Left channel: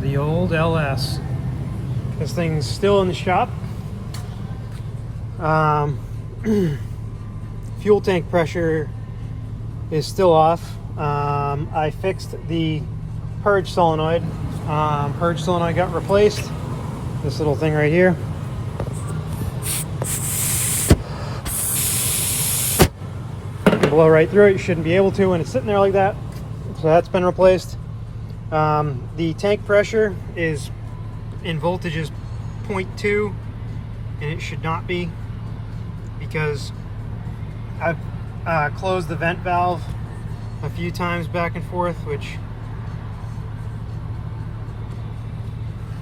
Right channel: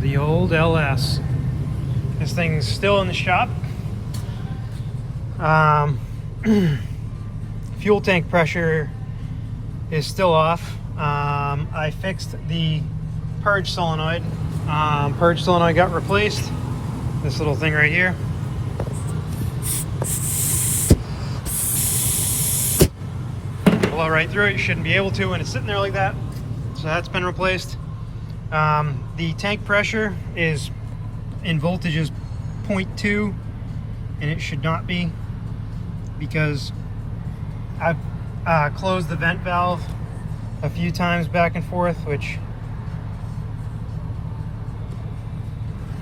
The old LS. This thing's still in the shop. Fuel tank pressure is still off. I fixed the purge solenoid. Purge solenoid got replaced. This little thing right here. Blow right through it. You shouldn't be able to when it's sitting there like that. So that's been replaced. The tank pressure is in voltages 0.2, and it should not be, because I've closed the vent valve a few times back and forth, which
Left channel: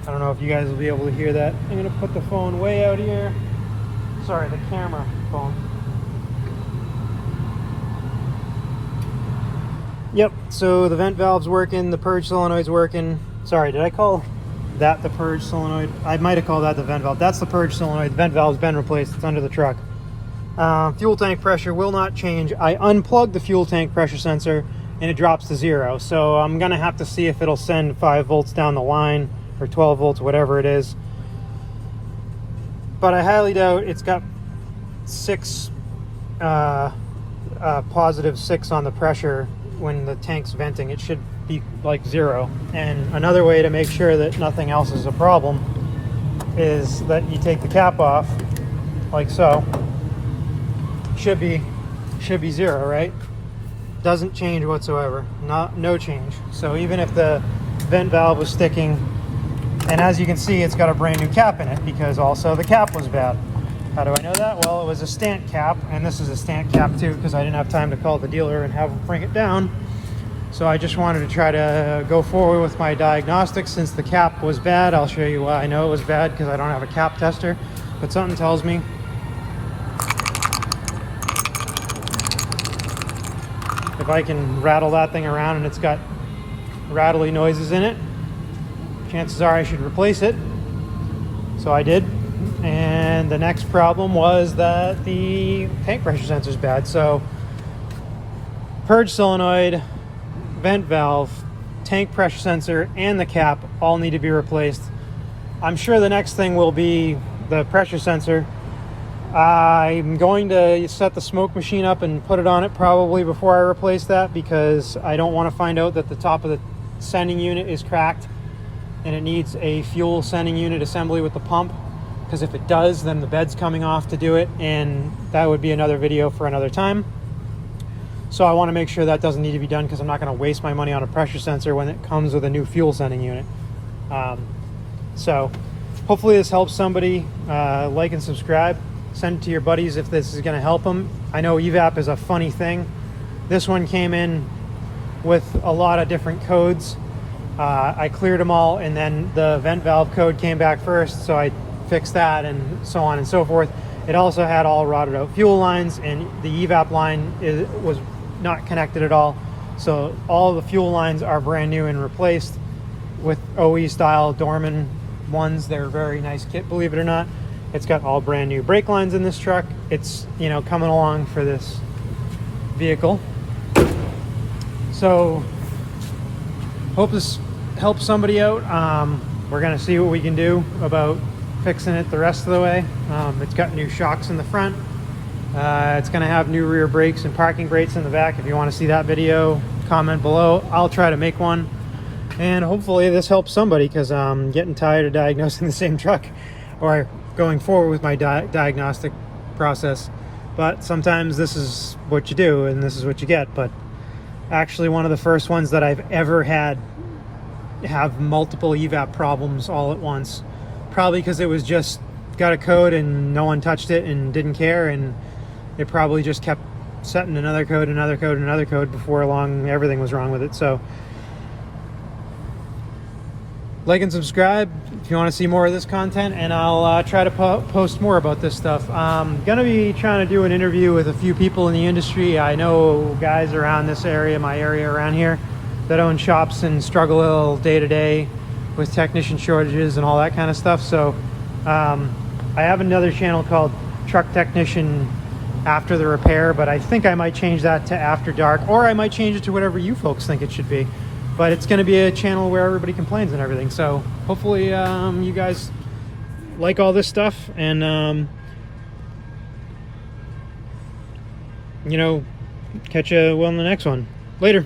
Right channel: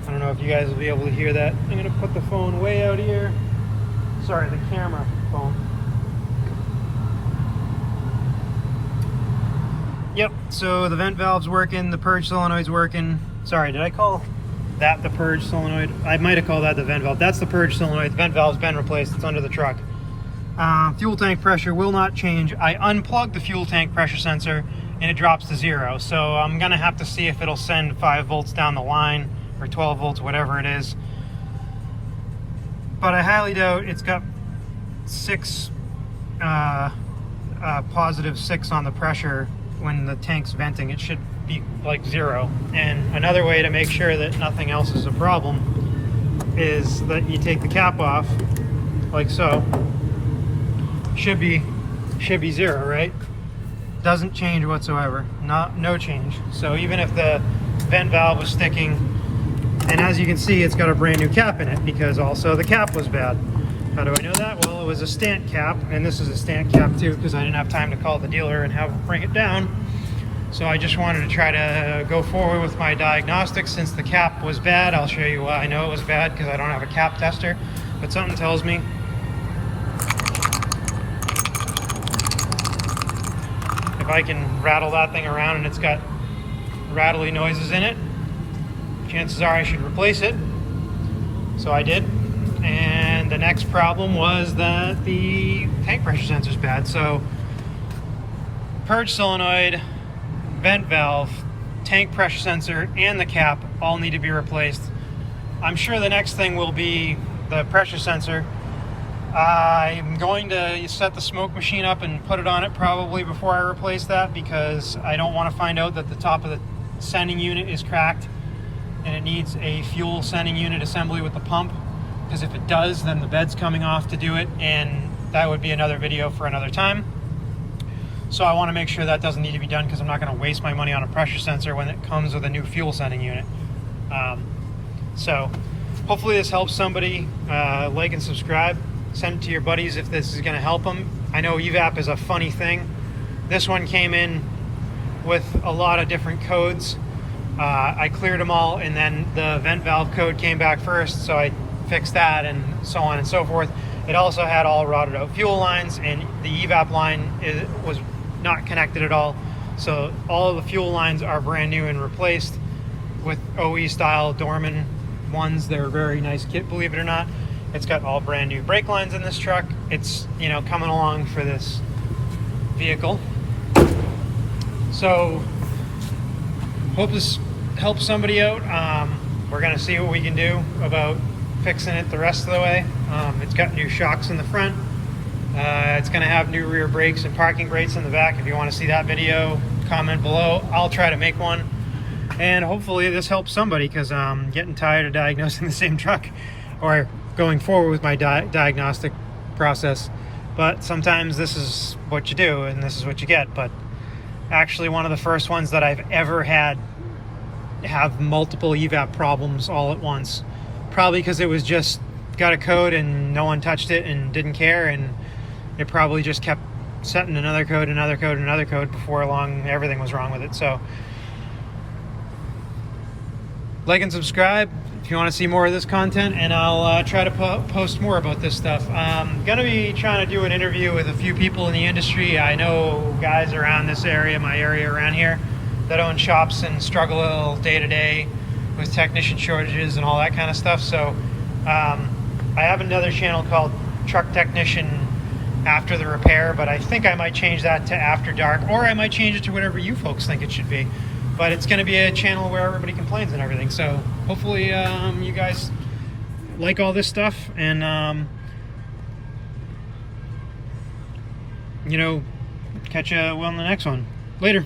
I don't know if you guys will be able to hear that. I'm gonna put the phone way out here. Sorry, the camera phone. Yep, so the vent valve's working, the purge solenoid's working. Sorry, did I call that the purge solenoid? I might have called that the vent valve. That's the purge solenoid. The vent valve's been replaced. It's under the truck. Fuel tank pressure will not change. I unplugged the fuel tank pressure sensor and it drops to 0. So I'm gonna have to see if it'll send 5 volts down the line, or 12 volts, whatever it is. But I highly doubt. It's got 6, positive 6 on the pressure. When the tank's venting, it should be like 0. And another way to make sure that nothing else is a problem is that you take the cap off, like so. Should be 0, right? Doesn't change whatsoever. No change. So even if the vent valve was sticking, and as you can see, it's got a brand new cap in it, because also the cap was bad. How do I know that? Well, it was a stant cap, and this is a stant cap too, because I didn't have time to call the dealer and have them bring it down. So I just wanted to try to go forward with my diagnostics. Since the cap was bad, I'll show you why I know it was bad, because I don't have a cap tester. But something tells me if I can rattle that thing around and it's got rattly noises in it, chances are I should replace it. So I did. And the next problem was that the tank pressure sensor is bad. So purge solenoid, vent valve, tank pressure sensor, and the cap all need to be replaced. I'm sure the next thing will be the pressure sensor. I'm going to set the smoke machine up and put it on it probably before I replace that, because I don't want to find out that the top of the sending unit is cracked and it needs a fuel sending unit assembly with the pump. Because if it does, then the bed's coming off to do it, and that would be another video for another time. So I want to make sure that doesn't need to be done, because I'm not going to waste my money on a pressure sensor when it comes with a new fuel sending unit. So hopefully this helps somebody. Like and subscribe. Send it to your buddies if this is going to help them. I know evap is a funny thing. This one came in with a lot of different codes. I cleared them all, and then the vent valve code came back first, so I fixed that, and so on and so forth. It also had all rotted out fuel lines, and the evap line was not connected at all. So all the fuel lines are brand new and replaced with OE style Dorman ones. They're a very nice kit, believe it or not. It's got all brand new brake lines in this truck. It's, you know, coming along for this vehicle. So hope this helps somebody out. We're gonna see what we can do about fixing it the rest of the way. It's got new shocks in the front. It's going to have new rear brakes and parking brakes in the back. If you want to see that video, comment below. I'll try to make one, and hopefully this helps somebody, because I'm getting tired of diagnosing the same truck, or going forward with my diagnostic process. But sometimes this is what you do and this is what you get. But actually one of the first ones that I've ever had have multiple evap problems all at once. Probably because it was just got a code and no one touched it and didn't care, and it probably just kept setting another code, another code, another code. Before long, everything was wrong with it. So like and subscribe if you want to see more of this content, and I'll try to post more about this stuff. I'm gonna be trying to do an interview with a few people in the industry. I know guys around this area, my area around here, that own shops and struggle a little day to day with technician shortages and all that kind of stuff. So I have another channel called Truck Technician After the Repair, but I think I might change that to After Dark, or I might change it to whatever you folks think it should be. but it's going to be a channel where everybody complains and everything. So hopefully you guys like all this stuff, and you know, catch you on the next one. Later.